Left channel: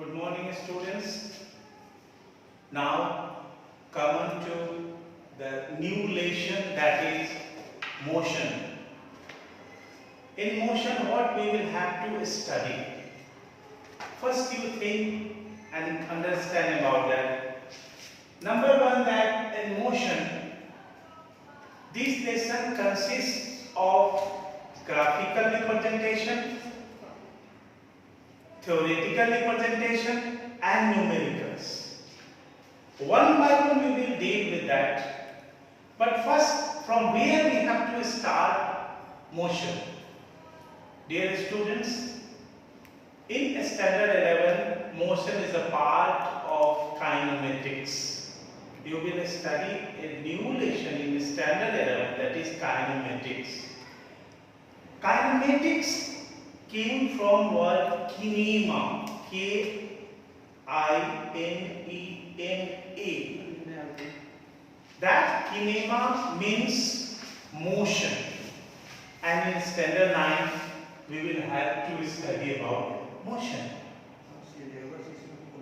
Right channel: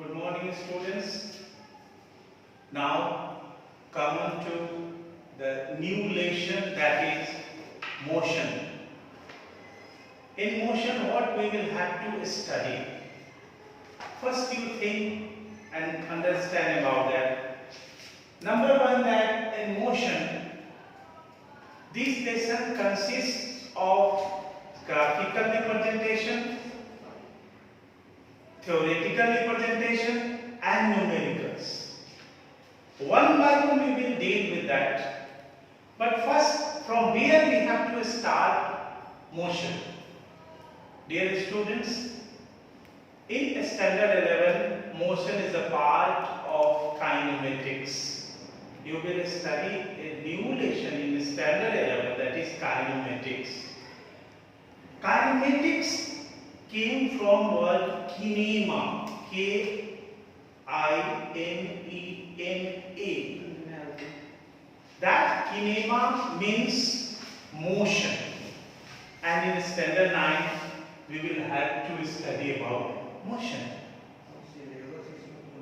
Good morning, students. Now come on to the new lesson, that is motion. In motion, what we will have to study? First, you think and understand about that. Number one, that in motion, this lesson consists of graphical representation, theoretical representation and numericals. One by one we will deal with that. But first, from where we have to start motion? Dear students, in standard 11, motion is a part of kinematics. You will study a new lesson in standard 11, that is kinematics. Kinematics came from word kinema, K-I-N-E-M-A. That kinema means motion, and in standard 9 we will have to study about motion.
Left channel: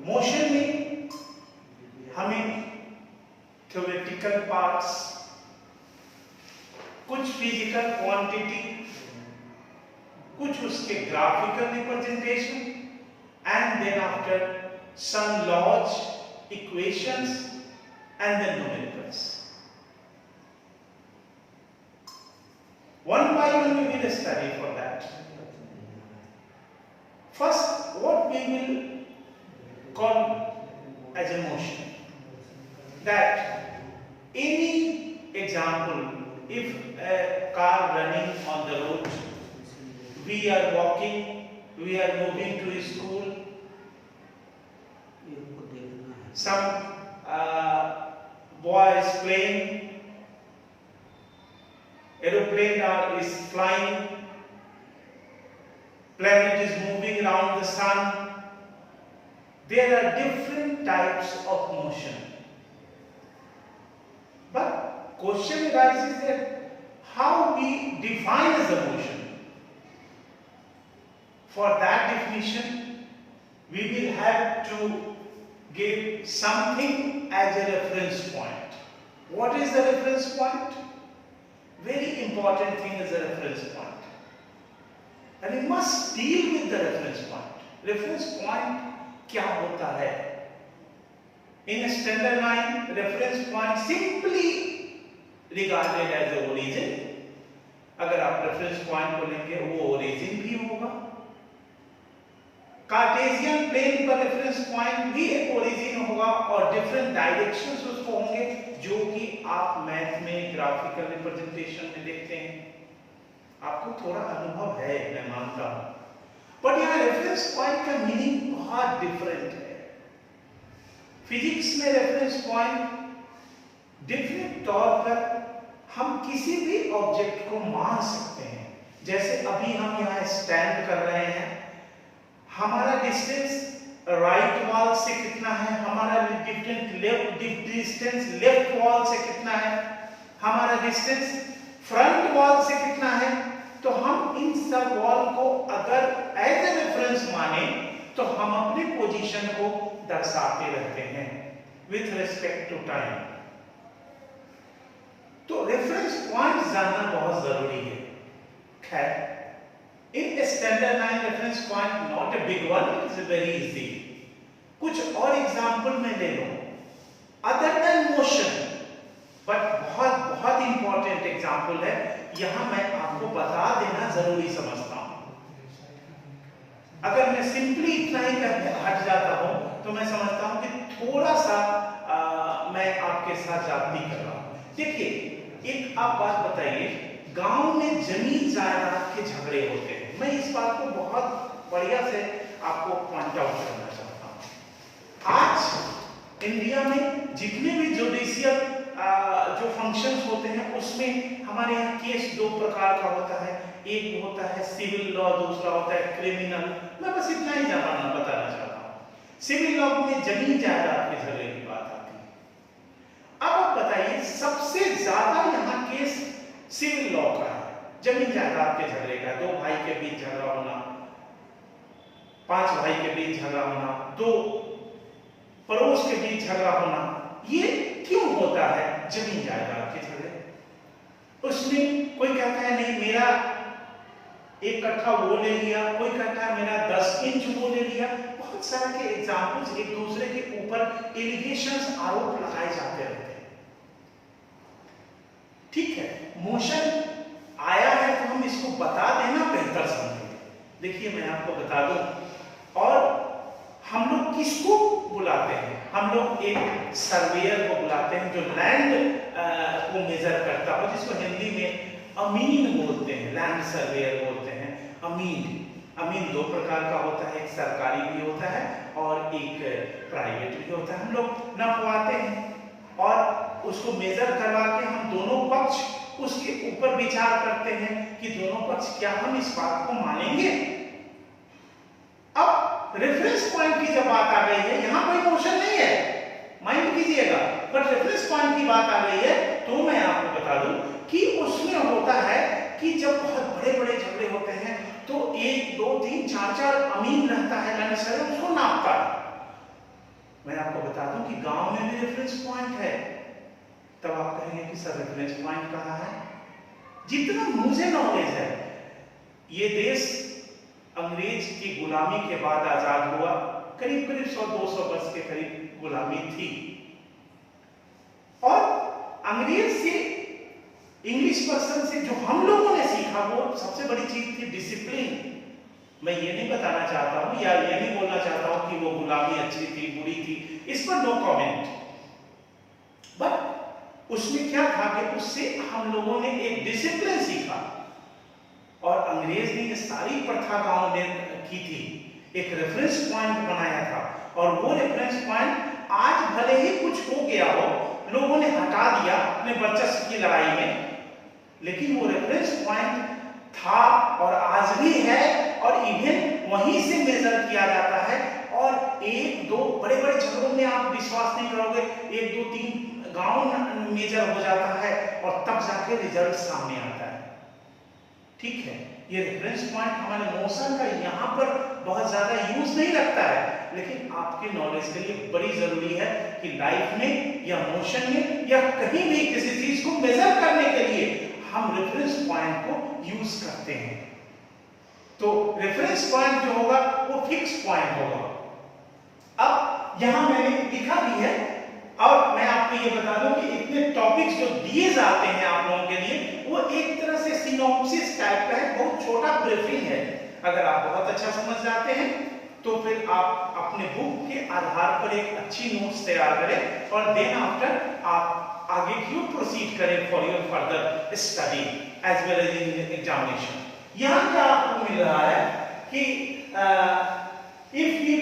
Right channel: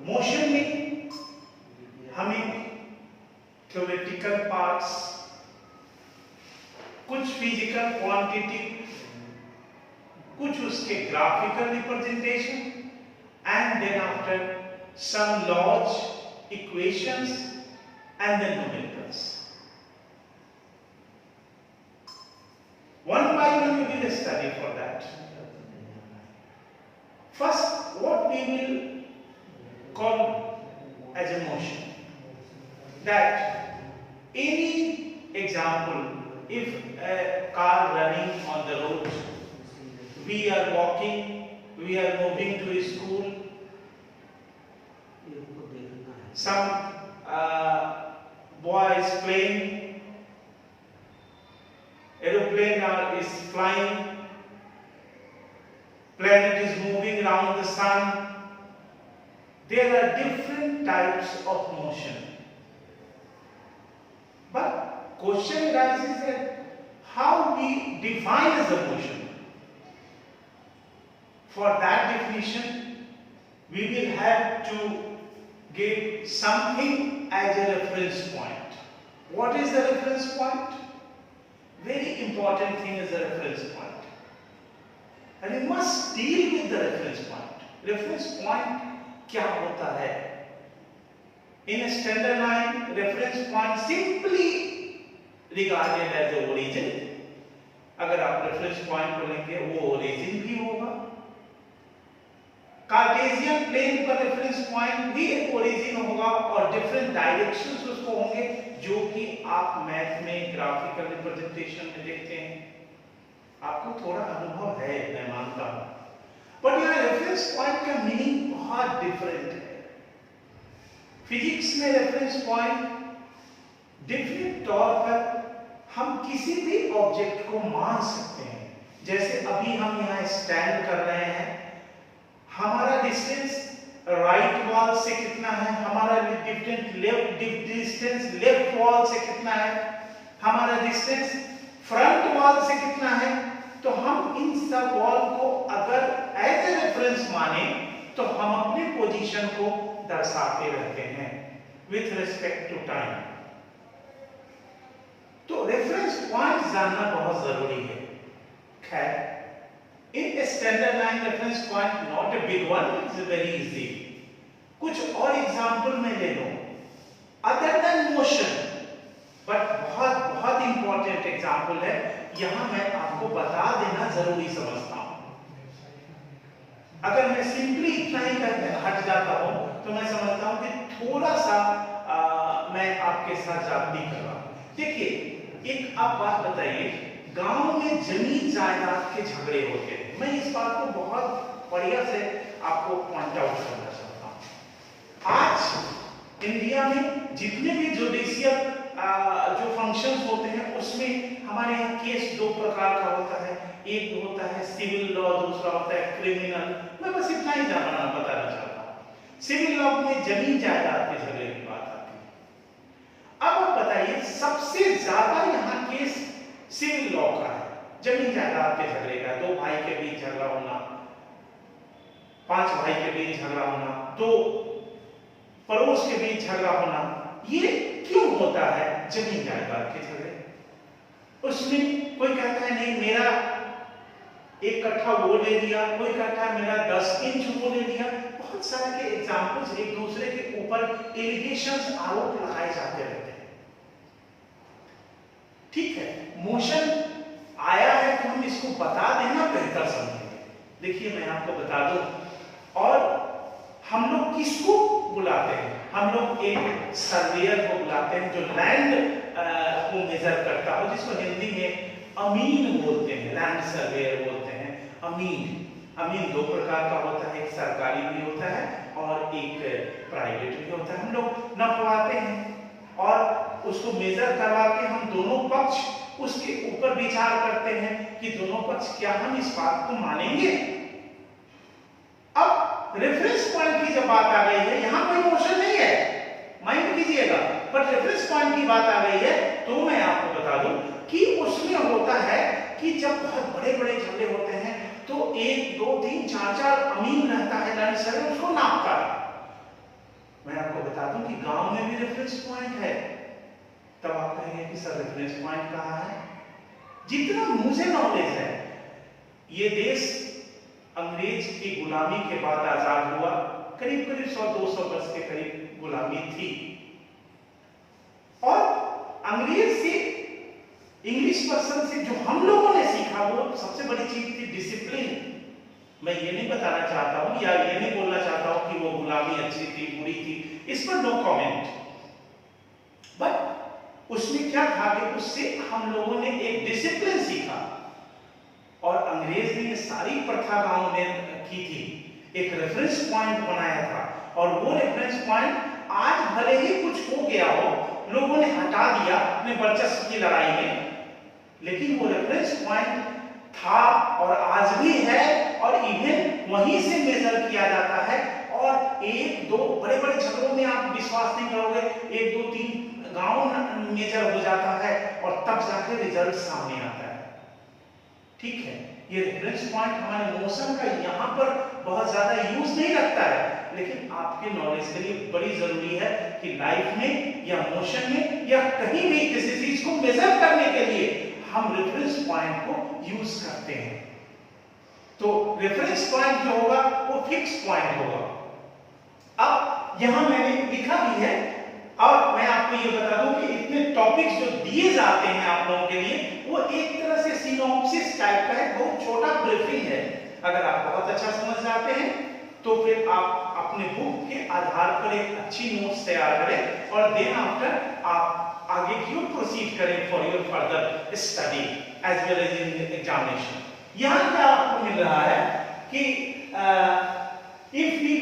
Motion में हमें theoretical parts, कुछ physical quantity, कुछ उसके graphical representation and then after some laws, equations and then numericals. One by one we will study for that. First, what we will call as a motion. That any example, if a car running on the road, we are walking, we are moving to a school, some boy is playing, aeroplane is flying, planet is moving around the sun. There are different types of motion. But question arises that how we define as a motion. For that definition, we will have to give something as a reference point. What is the reference point? Very important thing is the reference point. And we must deal with the reference point. Reference point क्या होता है? In standard 9, reference point simply regarded as a origin. अगर आप reference point को लेंगे, वो origin भी होगा. कार्टेशियन प्लेन पर रेफरेंस पॉइंट भी एक ओरिजिन होगा और डिफरेंट डायरेक्शंस उसको होंगे, जो कि आप मैथ में ग्राफिकल रिप्रेजेंटेशन में देखते हैं. आपको थोड़ा अनुभव है, मैं मानता हूं, बट यहाँ रेफरेंस पॉइंट का मीनिंग बहुत डिफरेंट है. फिजिक्स में रेफरेंस पॉइंट डिफरेंट तौर पर हम किसी भी ऑब्जेक्ट को मान सकते हैं. जैसे अभी हम यहाँ स्टैंड कर रहे हैं, हमारा डिस्टेंस राइट वॉल से कितना है, हमारा डिस्टेंस लेफ्ट वॉल से कितना है, हमारा डिस्टेंस फ्रंट वॉल से कितना है. तो हम इन सब वॉल को अगर एज ए रेफरेंस माने तो हम अपनी पोजीशन को दर्शाते रहते हैं विथ रिस्पेक्ट टू टाइम. तो रेफरेंस पॉइंट जानना बहुत जरूरी है. खैर, in standard 9 reference point, not a big one, it's very easy. कुछ और एग्जाम्पल मैं ले लूं अदर देन मोशन, बट बहुत बहुत इंपॉर्टेंट एग्जाम्पल है. यहां मैं आपको बता देना जरूरी समझता हूं. अगर मैं सिंपली इतना ही करके हट जाता हूं तो मैं समझता हूं कि थोड़ा सा मैं आपके साथ जाती कर रहा हूं. देखिए, एक आप बात बताइए, गांव में जमीन जायदाद के झगड़े होते हैं. मैं इस बात को बहुत बढ़िया से आपको पॉइंट आउट करना चाहता हूं. आज इंडिया में जितने भी जुडिशियल जो फंक्शंस होते हैं, उसमें हमारे यहाँ केस दो प्रकार का होता है. एक होता है सिविल लॉ, दूसरा होता है क्रिमिनल. मैं बस इतना ही बताना चाहता हूँ. सिविल लॉ में जमीन जायदाद के झगड़े की बात आती है. अब आप बताइए, सबसे ज्यादा यहाँ केस सिविल लॉ का है, जमीन जायदाद के झगड़े का, दो भाई के बीच झगड़ा होना. 5 भाई के बीच झगड़ा होना, 2 पड़ोस के बीच झगड़ा होना, ये क्यों होता है? जमीन जायदाद के झगड़े। उसमें कोई कहता है नहीं मेरा 1 कट्ठा वो ले लिया, कोई कहता है मेरा 10 इंच वो ले लिया। बहुत सारे के एग्जाम्पल्स एक दूसरे के ऊपर एलिगेशंस, आरोप लगाए जाते रहते हैं। ठीक है, मोशन आया है तो हम इसको बता देना बेहतर समझेंगे। देखिए मैं आपको बता दूं, और हम लोग किसको बुलाते हैं? हम लोग एक सर्वेयर को बुलाते हैं जो लैंड को मेजर करता हो, जिसको हिंदी में अमीन बोलते हैं, लैंड सर्वेयर बोलते हैं। अमीन 2 प्रकार का होता है, एक सरकारी भी होता है और एक प्राइवेट भी होता है। हम लोग नपवाते हैं और उसको मेजर करवा के हम दोनों पक्ष उसके ऊपर विचार करते हैं कि दोनों पक्ष क्या हम इस बात को मानेंगे। अब रेफरेंस पॉइंट की जब बात आ गई है, यहां कोई मोशन नहीं है, माइंड कीजिएगा, पर रेफरेंस पॉइंट की बात आ गई है तो मैं आपको बता दूं कि उसमें होता है कि जब बहुत बड़े-बड़े झगड़े होते हैं तो 1, 2, 3, 4 अमीन रहता है, लैंड सर्वेयर उसको नापता है। मैं आपको बता दूं कि गांव में भी रेफरेंस पॉइंट है। तब आप कहेंगे कि सर रेफरेंस पॉइंट कहां है? जितना मुझे नॉलेज है, ये देश अंग्रेज की गुलामी के बाद आजाद हुआ, करीब 100-200 वर्ष के करीब गुलामी थी, और अंग्रेज से, इंग्लिश पर्सन से जो हम लोगों ने सीखा वो सबसे बड़ी चीज थी डिसिप्लिन। मैं ये नहीं बताना चाहता हूं या ये नहीं बोलना चाहता हूं कि वो गुलामी अच्छी थी बुरी थी, इस पर नो कमेंट, बट उसमें क्या था कि उससे हम लोगों ने एक डिसिप्लिन सीखा, और अंग्रेज ने ये सारी प्रथा गांव में की थी, एक रेफरेंस पॉइंट बनाया था, और वो रेफरेंस पॉइंट आज भले ही कुछ हो गया हो, लोगों ने हटा दिया अपने वर्चस्व की लड़ाई में, लेकिन वो रेफरेंस पॉइंट था और आज भी है, और इवन वहीं से मेजर किया जाता है। और 1-2 बड़े-बड़े झगड़ों में आप विश्वास नहीं करोगे, 1, 2, 3 गांव मेजर हो जाता है और तब जाके रिजल्ट सामने आता है। ठीक है, ये रेफरेंस पॉइंट हमारे मोशन का यहाँ पर बहुत ज्यादा यूज नहीं रखता है, लेकिन आपके नॉलेज के लिए बड़ी जरूरी है कि लाइफ में या मोशन में या कहीं भी किसी चीज को मेजर करने के लिए हम रेफरेंस पॉइंट को यूज करते हैं। तो रेफरेंस पॉइंट जो होगा वो फिक्स पॉइंट होगा। अब यहां मैंने लिखा भी है, और मैं आपको ये बता दूं कि इतने टॉपिक्स जो दिए जाते हैं आप लोगों के लिए, वो एक तरह से सिनॉप्सिस टाइप का है, बहुत छोटा ब्रीफिंग है। अगर आप बहुत अच्छा समझ जाते हैं तो फिर आप अपने बुक के आधार पर एक अच्छी नोट्स तैयार करें, और देन आफ्टर आप आगे की ओर प्रोसीड करें for your further study as well as in examination. यहां क्या आपको मिल रहा है कि if we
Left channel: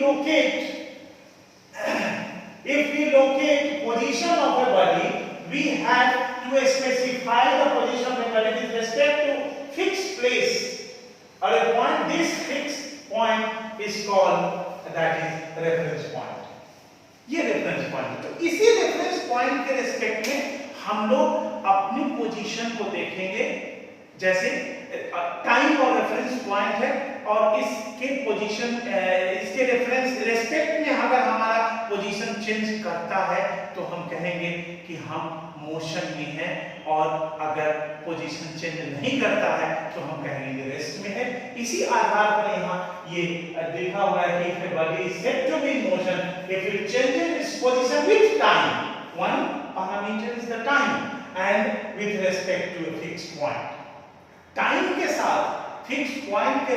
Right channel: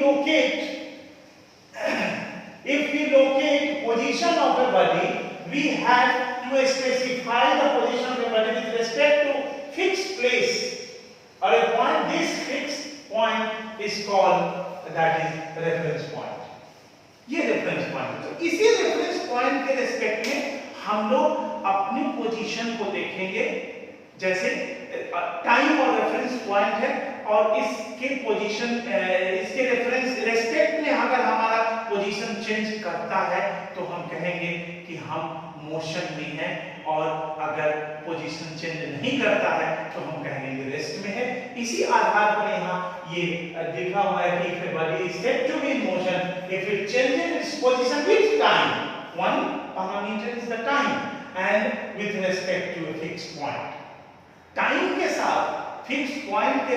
locate position of a body, we have to specify the position of the body with respect to fixed place or a point. This fixed point is called, that is reference point. ये reference point, तो इसी reference point के respect में हम लोग अपनी position को देखेंगे। जैसे टाइम और रेफरेंस पॉइंट है, और इसके पोजीशन, इसके रेफरेंस रिस्पेक्ट में अगर हमारा पोजीशन चेंज करता है तो हम कहेंगे कि हम मोशन में हैं, और अगर पोजीशन चेंज नहीं करता है तो हम कहेंगे रेस्ट में है। इसी आधार पर यहाँ ये देखा हुआ है कि if a body is said to be in motion, if it changes its position with time, one parameter is the time, and with respect to a fixed point, time के साथ फिक्स पॉइंट के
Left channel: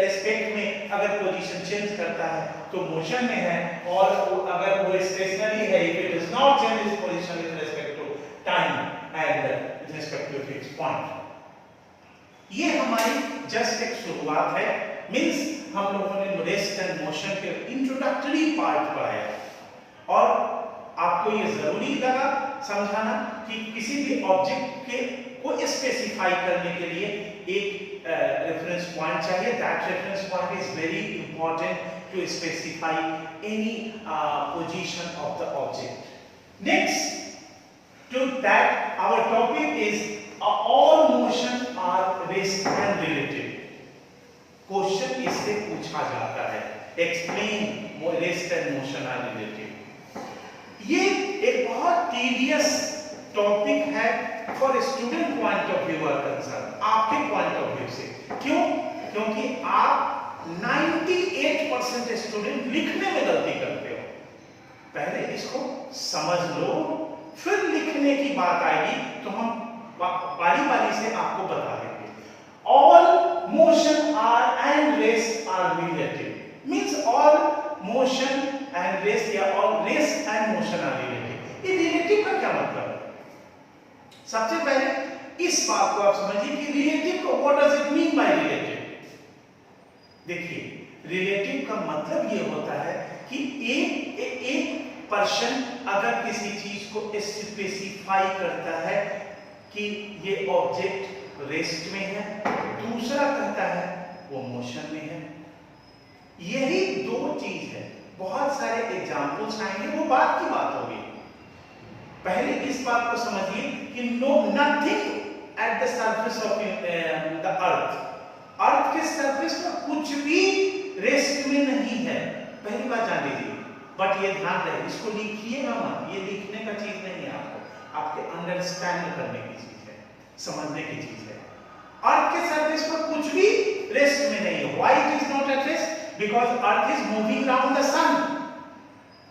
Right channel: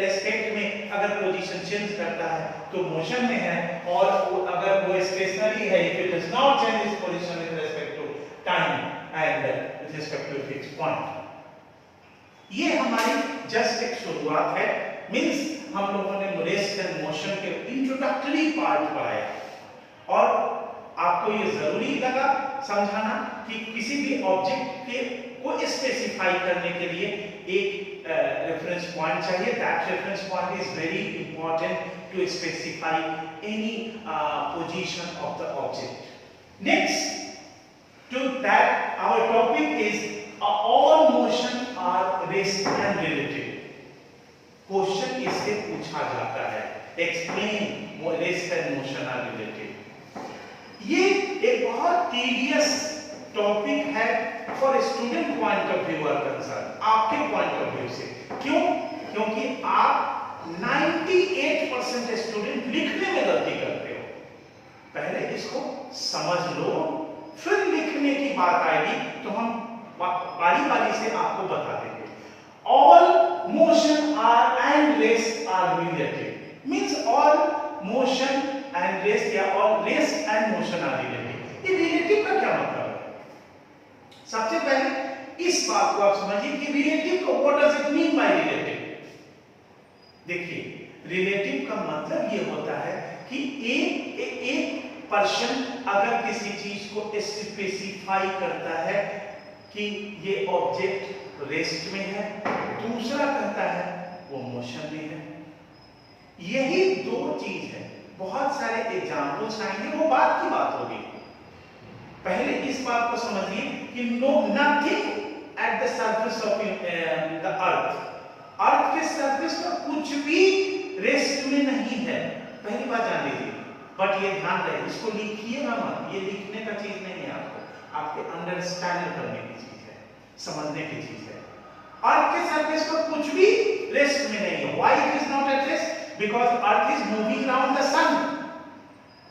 respect में अगर position change करता है तो motion में है, और अगर वो स्टेशनरी है, if it does not change its position with respect to time and with respect to fix point. ये हमारी जस्ट एक शुरुआत है, मींस हम लोगों ने रेस्ट एंड मोशन के इंट्रोडक्टरी पार्ट पढ़ाया, और आपको ये जरूरी लगा समझाना कि किसी भी ऑब्जेक्ट के को स्पेसिफाई करने के लिए एक रेफरेंस पॉइंट चाहिए। That reference point is very important to specify any position of the object. Next to that our topic is all motion or rest and related. Question इससे पूछा जाता है explain rest and motion are related. ये एक बहुत tedious topic है for student point of view or concern, आपके point of view से। क्यों? क्योंकि आप 98% स्टूडेंट लिखने में गलती करते हो। पहले इसको समझ लो, फिर लिखने की बात आएगी तो हम बारी बारी से आपको बता देंगे। All motion are and rest are related, means all motion and rest या all rest and motion are related. ये रिलेटिव का क्या मतलब है? सबसे पहले इस बात को आप समझिए कि रिलेटिव को what does it mean by relative. देखिए, रिलेटिव का मतलब ये होता है कि एक पर्सन अगर किसी चीज को स्पेसिफाई करता है कि ये ऑब्जेक्ट रेस्ट में है, दूसरा कहता है वो मोशन में है। यही दो चीज है। बहुत सारे एग्जाम्पल्स आएंगे, वो बात की बात होगी। पहले इस बात को समझिए कि no nothing at the surface of the earth, earth के सरफेस पर कुछ भी रेस्ट में नहीं है। पहली बात जान लीजिए, बट ये ध्यान रहे, इसको लिखिएगा मत, ये लिखने का चीज नहीं है, आपके अंडरस्टैंड करने की चीज है, समझने की चीज है। अर्थ के सरफेस पर कुछ भी रेस्ट में नहीं है। Why it is not at rest? Because earth is moving around the sun.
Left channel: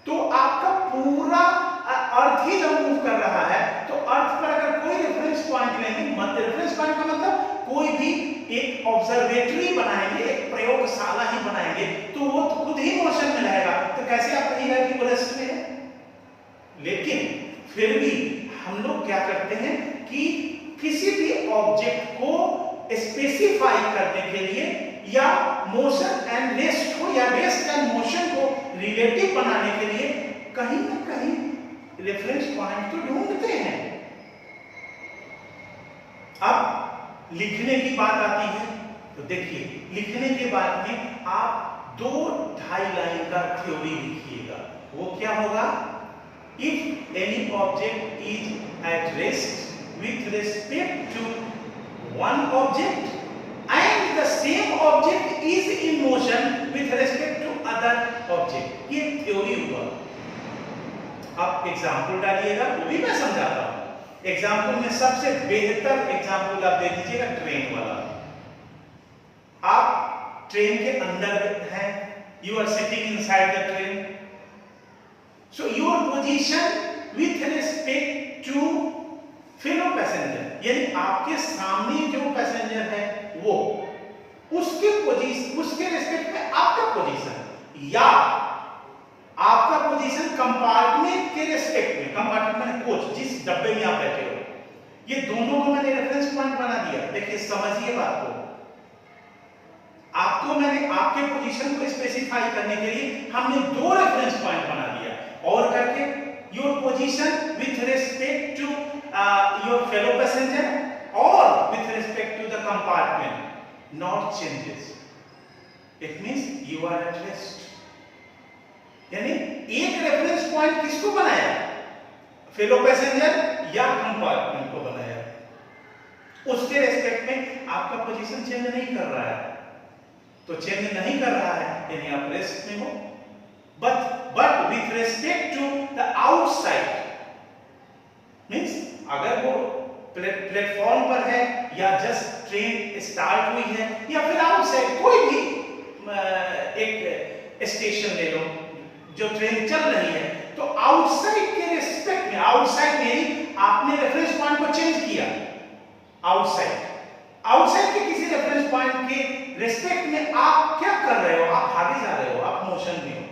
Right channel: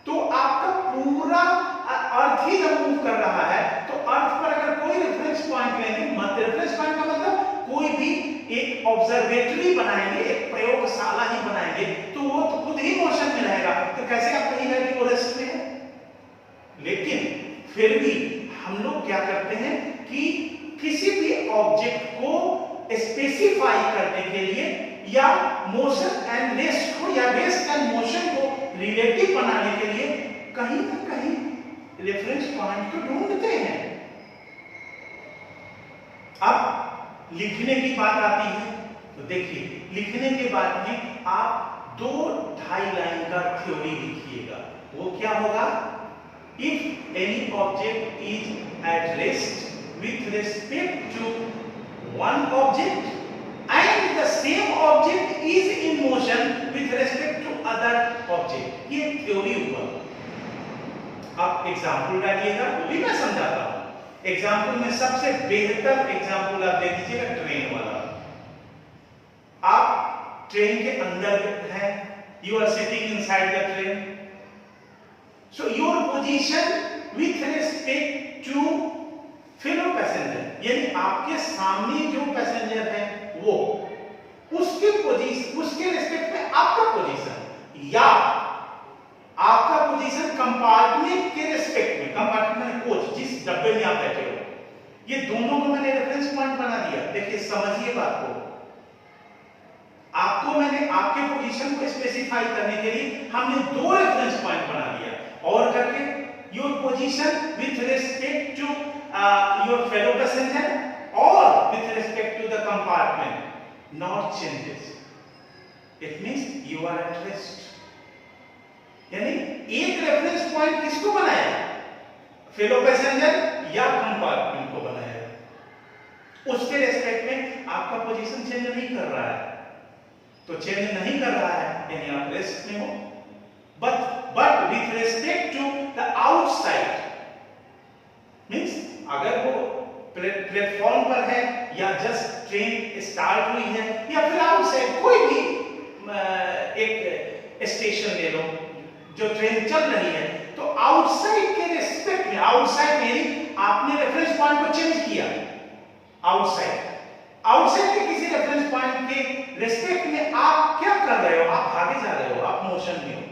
तो आपका पूरा अर्थ ही जब मूव कर रहा है तो अर्थ पर अगर कोई रेफरेंस पॉइंट लेंगे, मत रेफरेंस पॉइंट का मतलब कोई भी एक ऑब्जर्वेटरी बनाएंगे, एक प्रयोगशाला ही बनाएंगे, तो वो तो खुद ही मोशन में रहेगा। तो कैसे आप कहिएगा कि वो रेस्ट में है? लेकिन फिर भी हम लोग क्या करते हैं कि किसी भी ऑब्जेक्ट को स्पेसिफाई करने के लिए या मोशन एंड रेस्ट को या रेस्ट एंड मोशन को रिलेटिव बनाने के लिए कहीं ना कहीं रेफरेंस पॉइंट तो ढूंढते हैं। अब लिखने की बात आती है, तो देखिए लिखने के बाद में आप 2-2.5 लाइन का थ्योरी लिखिएगा। वो क्या होगा? If any object is at rest with respect to one object and the same object is in motion with respect to other object, ये थ्योरी हुआ। आप एग्जाम्पल डालिएगा, वो भी मैं समझाता हूं। एग्जाम्पल में सबसे बेहतर एग्जाम्पल आप दे दीजिएगा ट्रेन वाला। आप ट्रेन के अंदर हैं, you are sitting inside the train, so your position with respect to fellow passenger, यानी आपके सामने जो पैसेंजर है वो उसके पोजीशन, उसके रिस्पेक्ट में आपका पोजीशन या आपका पोजीशन कंपार्टमेंट के रिस्पेक्ट में, कंपार्टमेंट माने कोच, जिस डब्बे में आप बैठे हो, ये दोनों को मैंने रेफरेंस पॉइंट बना दिया। देखिए समझिए बात को, आपको मैंने आपके पोजीशन को स्पेसिफाई करने के लिए हमने 2 रेफरेंस पॉइंट बना दिया, और करके your position with respect to your fellow passenger or with respect to the compartment not changes. It means you are at rest. यानी एक रेफरेंस पॉइंट किसको बनाया? फेलो पैसेंजर या कंपार्टमेंट को बनाया। उसके रेस्पेक्ट में आपका पोजीशन चेंज नहीं कर रहा है, तो चेंज नहीं कर रहा है यानी आप रेस्ट में हो। But with respect to the outside means अगर वो प्लेटफॉर्म पर है या जस्ट ट्रेन स्टार्ट हुई है या फिर आउटसाइड कोई भी एक स्टेशन ले लो जो ट्रेन चल रही है, तो आउटसाइड के रिस्पेक्ट में, आउटसाइड में आपने रेफरेंस पॉइंट को चेंज किया। आउटसाइड के किसी रेफरेंस पॉइंट के रिस्पेक्ट में आप क्या कर रहे हो? आप आगे जा रहे हो, आप मोशन में हो।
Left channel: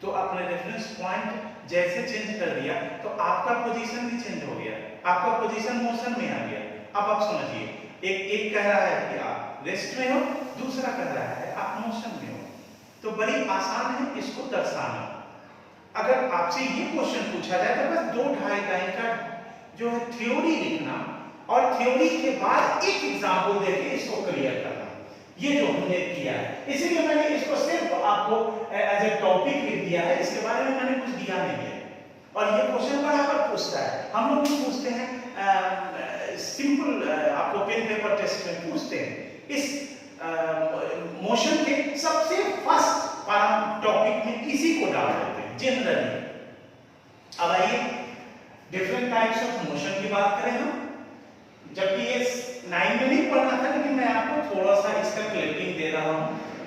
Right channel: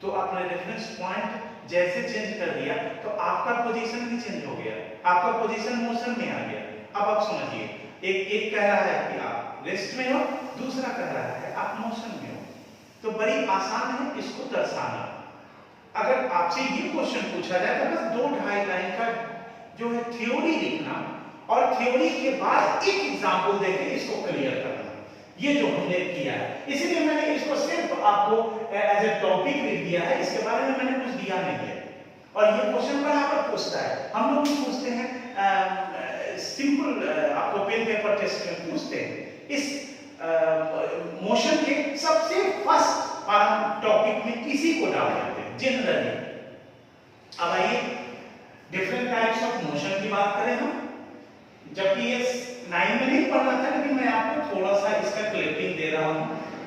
तो आपने रेफरेंस पॉइंट जैसे चेंज कर दिया तो आपका पोजीशन भी चेंज हो गया, आपका पोजीशन मोशन में आ गया। अब आप समझिए, एक कह रहा है कि आप रेस्ट में हो, दूसरा कह रहा है आप मोशन में हो, तो बड़ी आसान है इसको दर्शाना। अगर आपसे ये क्वेश्चन पूछा जाए तो बस 2-2.5 लाइन का जो है थ्योरी लिखना, और थ्योरी के बाद एक एग्जाम्पल देके इसको क्लियर करना, ये जो हमने किया है। इसीलिए मैंने इसको सिर्फ आपको एज ए टॉपिक लिख दिया है, इसके बारे में मैंने कुछ दिया नहीं है। और ये क्वेश्चन बराबर पूछता है, हम लोग भी पूछते हैं, सिंपल आपको पेन पेपर टेस्ट में पूछते हैं। इस मोशन के सबसे फर्स्ट टॉपिक में इसी को डाल देते हैं जनरली। अब आइए डिफरेंट टाइप्स ऑफ मोशन की बात करें हम। जबकि ये 9 में नहीं पढ़ना था, लेकिन मैं आपको थोड़ा सा इसका क्लिपिंग दे रहा हूँ।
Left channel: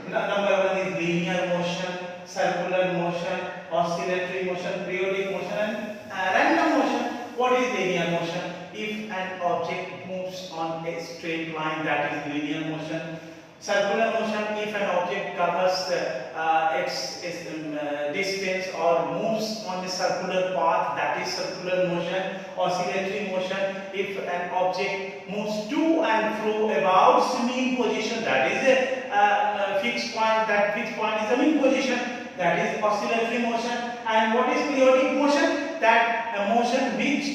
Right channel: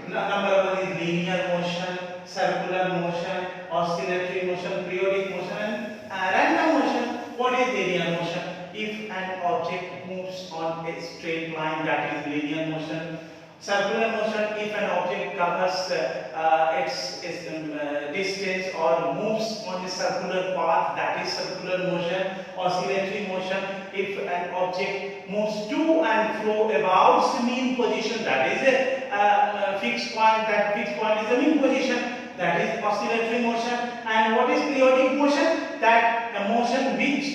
Number 1 is linear motion, circular motion, oscillatory motion, periodic motion and random motion. What is linear motion? If an object moves on a straight line, that is linear motion. Circular motion, if an object covers its distance or moves on a circular path, that is circular motion. Oscillatory motion, if an object moves to and fro about its mean position, that is a fixed point. That fixed point is the mean position. That is oscillatory motion. And what is periodic motion? That a motion which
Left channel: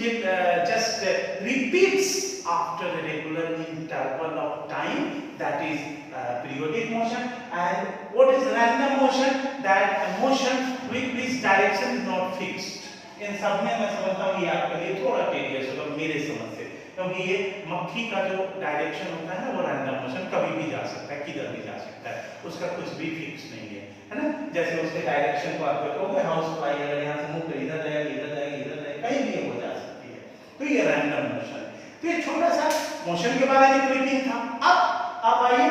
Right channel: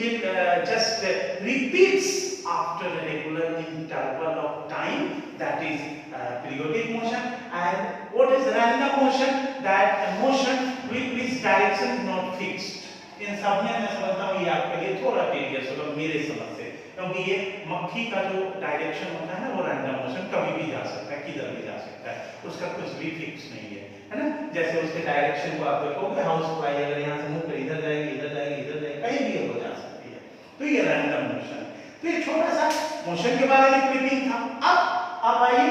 will just repeats after a regular interval of time, that is periodic motion. And what is random motion? That a motion which direction is not fixed. इन सब में मैं समझता हूँ ये आपके लिए थोड़ा tedious होगा मेरे समझ से, क्योंकि ये मक्खी का जो डायरेक्शन होता है ना, वो रैंडम मोशन कभी भी जा सकता है, किधर भी जा सकता है, उसका कुछ भी फिक्स नहीं है ना। जैसे उसके डायरेक्शन को आप देखोगे, हाउस फ्लाई अगर यहाँ से मुंह पे इधर जाएगी, इधर जाएगी, इधर जाएगी, कहीं भी वो जा सकती है, तो ये रैंडम मोशन। तो ये छोटा सा मोशन के बारे में क्लिपिंग था। अब आप आइए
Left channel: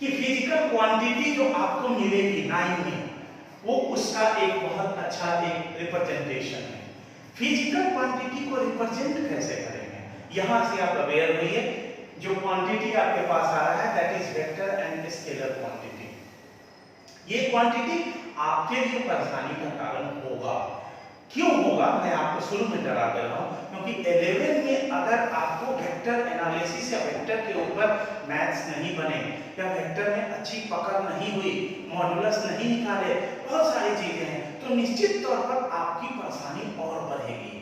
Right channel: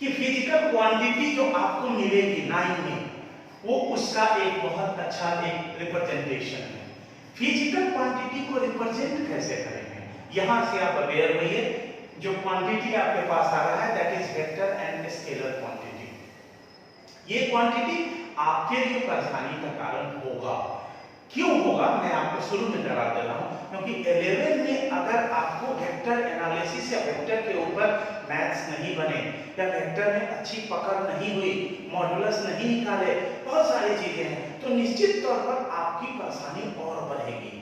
कि फिजिकल क्वांटिटी जो आपको मिलेगी 9 में, वो उसका एक बहुत अच्छा एक रिप्रेजेंटेशन है। फिजिकल क्वांटिटी को रिप्रेजेंट कैसे करेंगे, यहां से आप अवेयर रहिए। जो क्वांटिटी आपके पास आ रहा है, that is vector and scalar quantity. ये क्वांटिटी आपके लिए परेशानी का कारण होगा। क्यों होगा, मैं आपको शुरू में डरा दे रहा हूं, क्योंकि 11 में अगर आपको वेक्टर एनालिसिस या वेक्टर के ऊपर मैथ्स नहीं बने, या वेक्टर में अच्छी पकड़ नहीं हुई, मॉडुलस नहीं निकाले, बहुत सारी चीजें हैं, तो निश्चित तौर पर आपकी परेशानी और बढ़ेगी।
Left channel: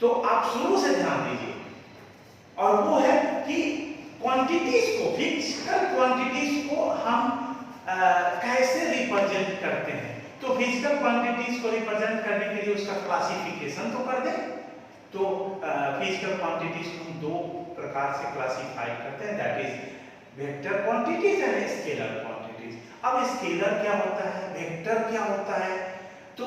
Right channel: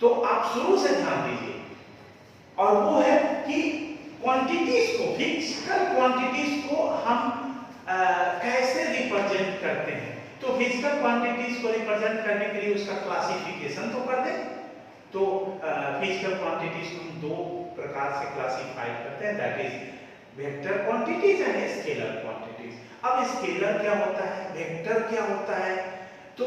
तो आप शुरू से ध्यान दीजिए, और वो है कि क्वांटिटीज को, फिजिकल क्वांटिटीज को हम कैसे रिप्रेजेंट करते हैं। तो फिजिकल क्वांटिटीज को रिप्रेजेंट करने के लिए उसका क्लासिफिकेशन तो कर दें। तो फिजिकल क्वांटिटीज को हम 2 प्रकार से क्लासिफाई करते हैं, that is vector quantities and scalar quantities. अब स्केलर क्या होता है, वेक्टर क्या होता है? तो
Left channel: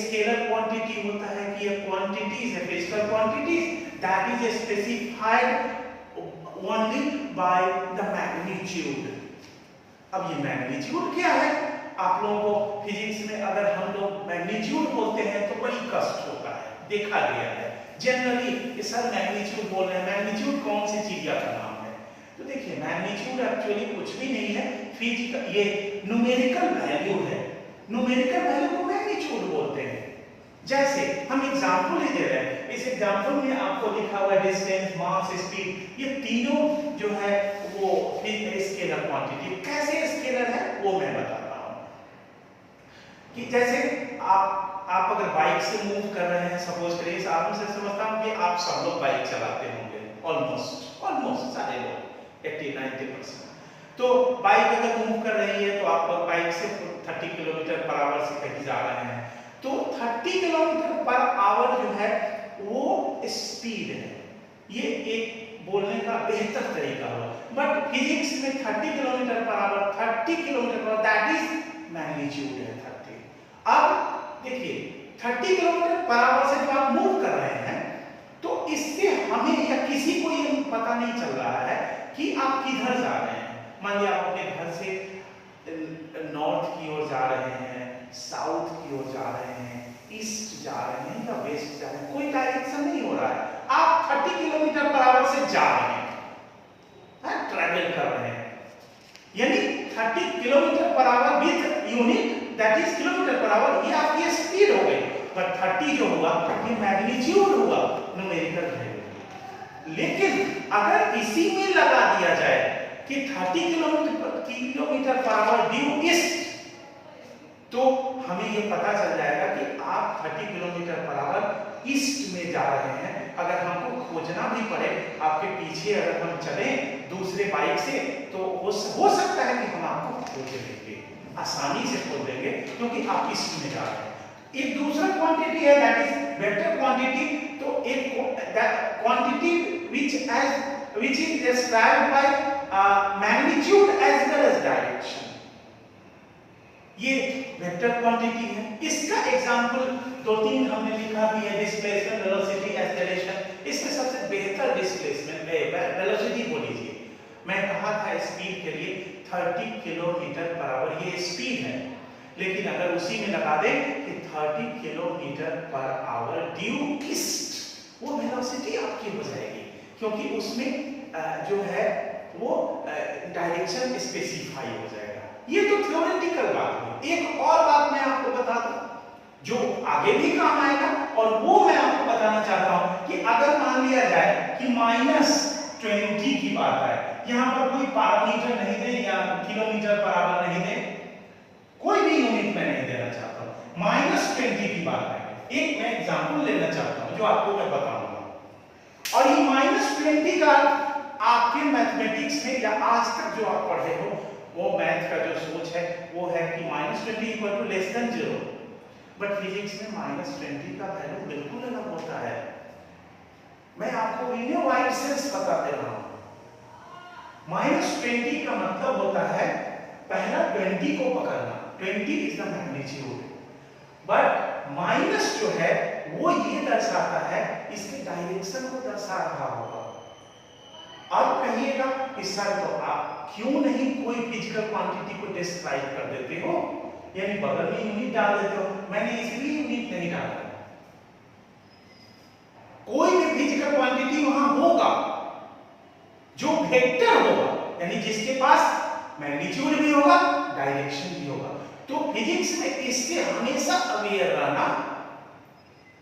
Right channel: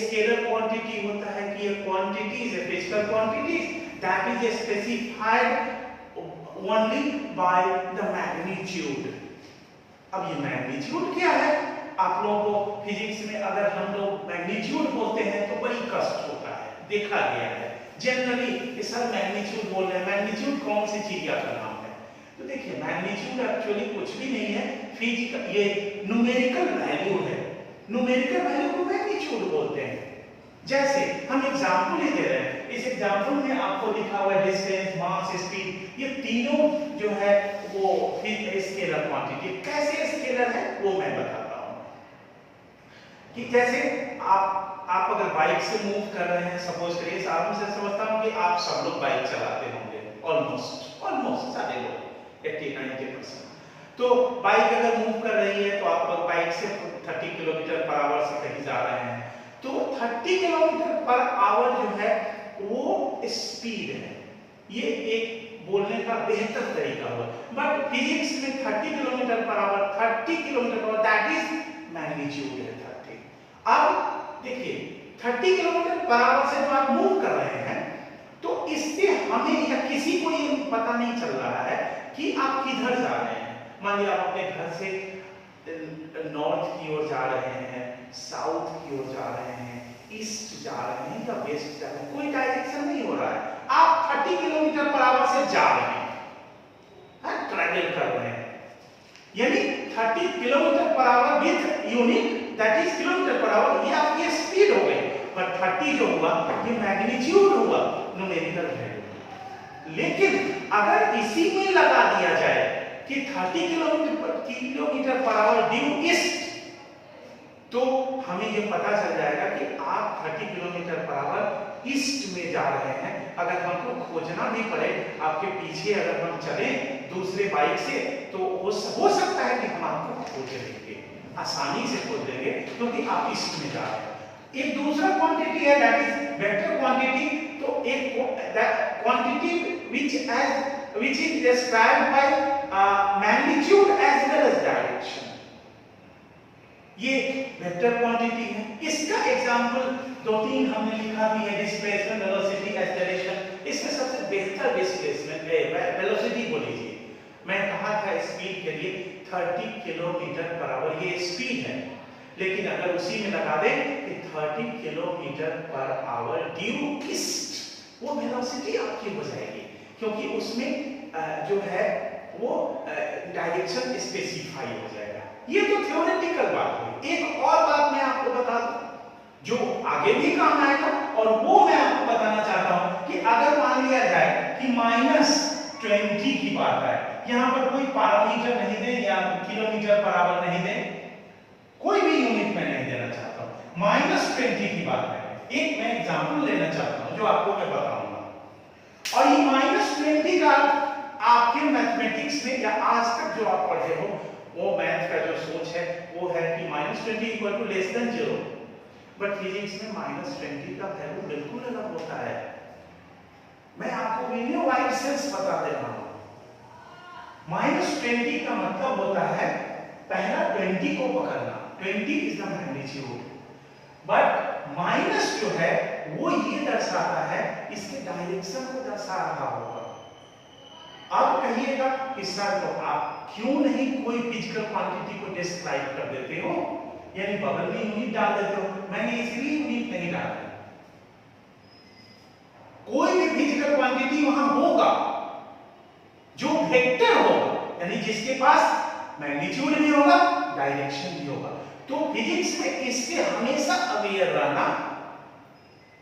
स्केलर क्वांटिटी होता है कि ये क्वांटिटीज है, physical quantities that is specified only by the magnitude. अब ये मैग्नीट्यूड क्या है? आप लोगों को फिजिक्स में अगर हम लोग मैग्नीट्यूड बोलते हैं तो बड़ी कष्ट होता है, देखा गया है जनरली सर मैग्नीट्यूड बोल रहे हैं, मैग्नीट्यूड कौन सी चीज का नाम है? तो देखिए मैग्नीट्यूड एक्चुअली कुछ भी नहीं है, फिजिकल ये न्यूमेरिकल वैल्यू है। न्यूमेरिकल वैल्यू को मैग्नीट्यूड बोलते हैं। जैसे हम एग्जांपल ही दे रहे हैं, इस एग्जांपल में आपको लिखा हुआ है डिस्टेंस, मास, स्पीड, ये तीनों जो है वो स्केलर क्वांटिटी। कैसे स्केलर है वो मैं बताता हूं। कि जैसे आप अगर बाइक से मूव कर रहे हैं, सपोज करिए, सालों से समझता हूं कि आप सब लोग बाइक चलाते होंगे, ऑलमोस्ट सारे लोग 80-90%। तो बाइक अगर मूव कर रही है तो आप बाइक से 30 किलोमीटर पर आवर से कहीं जा रहे हैं, तो 30 किलोमीटर पर आवर जो है वो स्पीड है। ये एक बोलने का बेहतर तरीका हुआ, बट फिजिक्स में 30 किलोमीटर पर आवर, 30 किलोमीटर पर दैट इज मैग्नीट्यूड है 30। अब देखिए 30 किलोमीटर पर आवर से जो आप मूव कर रहे हैं, तो इससे हमें या किसी को ये पता नहीं चल रहा है कि आप किधर जा रहे हैं। मान लीजिए आप अपने घर से नॉर्थ की ओर जा रहे हैं, साउथ की ओर जा रहे हैं, ईस्ट जा रहे हैं या वेस्ट जा रहे हैं, कोई डायरेक्शन नहीं हो रहा है, आप 30 किलोमीटर पर आवर से जा रहे हैं, ट्रैवल कर रहे हैं, यानी 30 kilometre per hour with unit that is kilometre per hour, ये आपकी स्पीड हो गई। पर 30 जो हुआ ये मैग्नीट्यूड हुआ, न्यूमेरिकल वैल्यू। लेकिन अगर इसी में लगा दिया जाए कि 30 kilometre per hour due east, तो हमें ये पता चल जाएगा कि आप 30 किलोमीटर पर आवर ईस्ट में जा रहे हैं। अगर हमको खोजना भी पड़े, आपके पीछे अगर हम चले दूसरे बाइक से, तो हो सकता है कि हम आपको खोज लेंगे, आसानी से खोज लेंगे, क्योंकि आप ईस्ट में जा रहे हैं। एक दूसरा क्वांटिटी है दैट इज वेक्टर क्वांटिटी। तो एक quantity which is described by magnitude as well as direction. ये वेक्टर क्वांटिटी है। इसका एग्जांपल दो तीन हमने लिखा भी है, डिस्प्लेसमेंट, वेलोसिटी, एक्सेलरेशन। इसमें सबसे बेहतर डिस्प्लेसमेंट वेलोसिटी बोल लीजिए। मैं कहा था स्पीड के लिए 30 किलोमीटर पर आवर, ये स्पीड है, लेकिन अगर उसी में लगा दें कि 30 kilometre per hour due east, वो वेलोसिटी आपकी हो जाएगी, क्योंकि उसमें जो है वो डायरेक्शन स्पेसिफाई हो जाएगा। ये तो थ्योरेटिकल बात हुई। एक और बात मैं आपको बता दूं जो आगे भी काम आएगा, और वो मैं आपको बताना चाहता हूं कि अगर मान लिया जाए कि -20 की बात है, यहां पर कोई पैरामीटर नहीं दे या किलोमीटर पर आवर नहीं दे, कोई भी यूनिट में नहीं देना चाहता हूं, -20 की बात है। एक मैं एग्जांपल लेना चाहता हूं जो आपको मैं बताऊंगा, और ये -20 का आपके मैथमेटिक्स में या आज तक जो आप पढ़े हो वो मैथ का जो सोच है वो है कि -20 equal to less than 0, but physics में -20 का वैल्यू बिल्कुल अलग होता है। मैं आपको लिनियर वाइड सेंस बता दे रहा हूं। -20 का मतलब होता है पहला 20 को पकड़ना, 20 is the magnitude, but minus जो है वो ये दर्शाता है, इसके डायरेक्शन को दर्शा रहा होगा। अब कहिएगा कि सर तो आप क्यों नहीं कोई फिजिकल क्वांटिटी को डिस्क्राइब कर देते हो, यानी बगल में यूनिट डाल देते हो। मैंने इसलिए यूनिट नहीं डाला, कोई भी फिजिकल क्वांटिटी वहां होगा जो वेक्टर होगा, यानी जिसके पास मैग्नीट्यूड भी होगा, डायरेक्शन भी होगा। तो फिजिक्स में इससे हमेशा अवेयर रहना।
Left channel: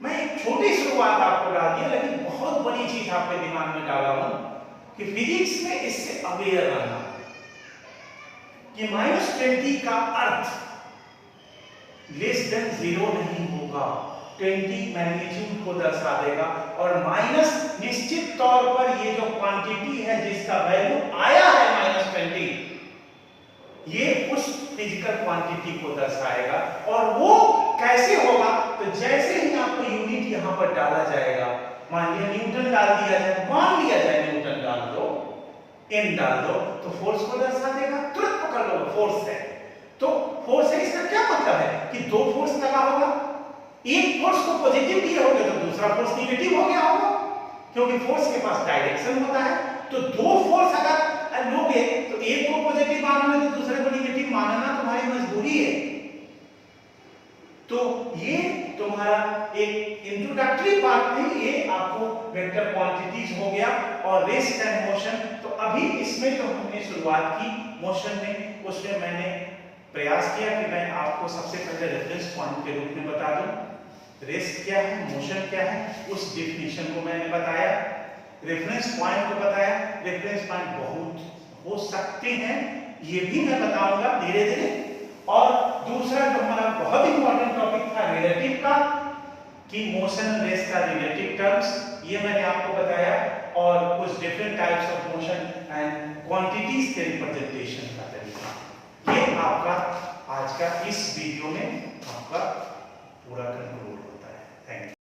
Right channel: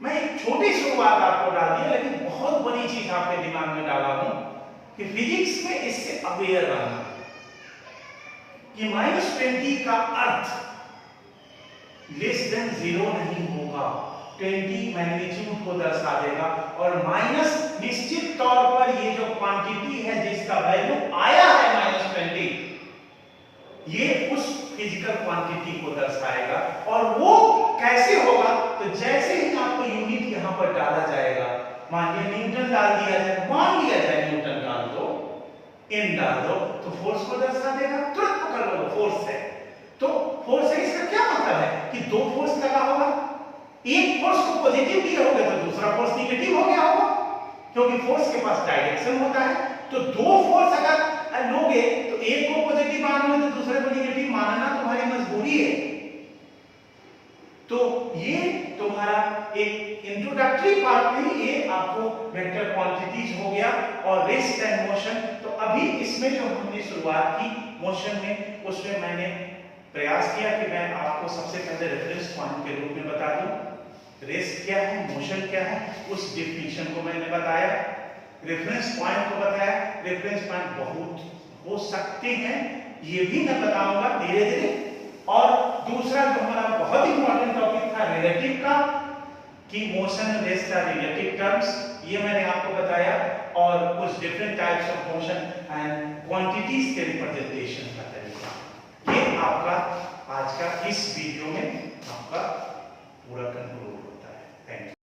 मैं एक छोटी शुरुआत आपको डाल दिया, लेकिन बहुत बड़ी चीज आपके दिमाग में डाला हूं कि फिजिक्स में इससे अवेयर रहना कि -20 का अर्थ लेस देन 0 नहीं होगा, 20 मैग्नीट्यूड को दर्शा देगा, और माइनस निश्चित तौर पर ये जो क्वांटिटी है जिसका वैल्यू आया है -20, ये उस फिजिकल क्वांटिटी को दर्शाएगा। और वो कैसे होगा, तो जैसे ही आपको यूनिट यहां पर डाला जाएगा, मान लिया न्यूटन डाल दिया जाए, मान लिया जाए न्यूटन डाल दो, एन डाल दो, तो फोर्स को दर्शा देगा। तुरंत पकड़ लो फोर्स है, तो फोर्स है, इसका क्या मतलब है कि दो फोर्स लगा होगा, एक फोर्स को पॉजिटिव दिए होगे तो दूसरा फोर्स नेगेटिव हो गया होगा, क्योंकि फोर्स के पास डायरेक्शन होता है। तो दो फोर्स अगर लोगे तो एक को पॉजिटिव मानोगे तो दूसरे को नेगेटिव मानना तुम्हारी मजबूरी है। तो ये तुम्हारा एक इंट्रोडक्टरी पार्ट में ये आपको वेक्टर क्वांटिटीज हो गया और रेस्ट एंड मोशन। तो अभी इसमें जो हमने शुरुआत की मोशन में, उसमें मैंने प्रयास किया कि मैं आपको सबसे पहले रेफरेंस पॉइंट के रूप में बता दूं रेस्ट क्या है, मोशन क्या है, उस डिफिनीशन को मैंने बताया, रेफरेंस पॉइंट को बताया। रेफरेंस पॉइंट बहुत हो सकते हैं, ये भी मैं बताऊंगा धीरे धीरे। और दूसरा जो हमारा बहुत इंपॉर्टेंट टॉपिक था रिलेटिव का, कि motion and rest are relative terms, ये मैंने आपको बताया, और कुछ different types of motion and quantities के रिप्रेजेंटेशन का तरीका। ये आपका आज का इस वीडियो में आपका पूरा कंक्लूड होता है। Thank you.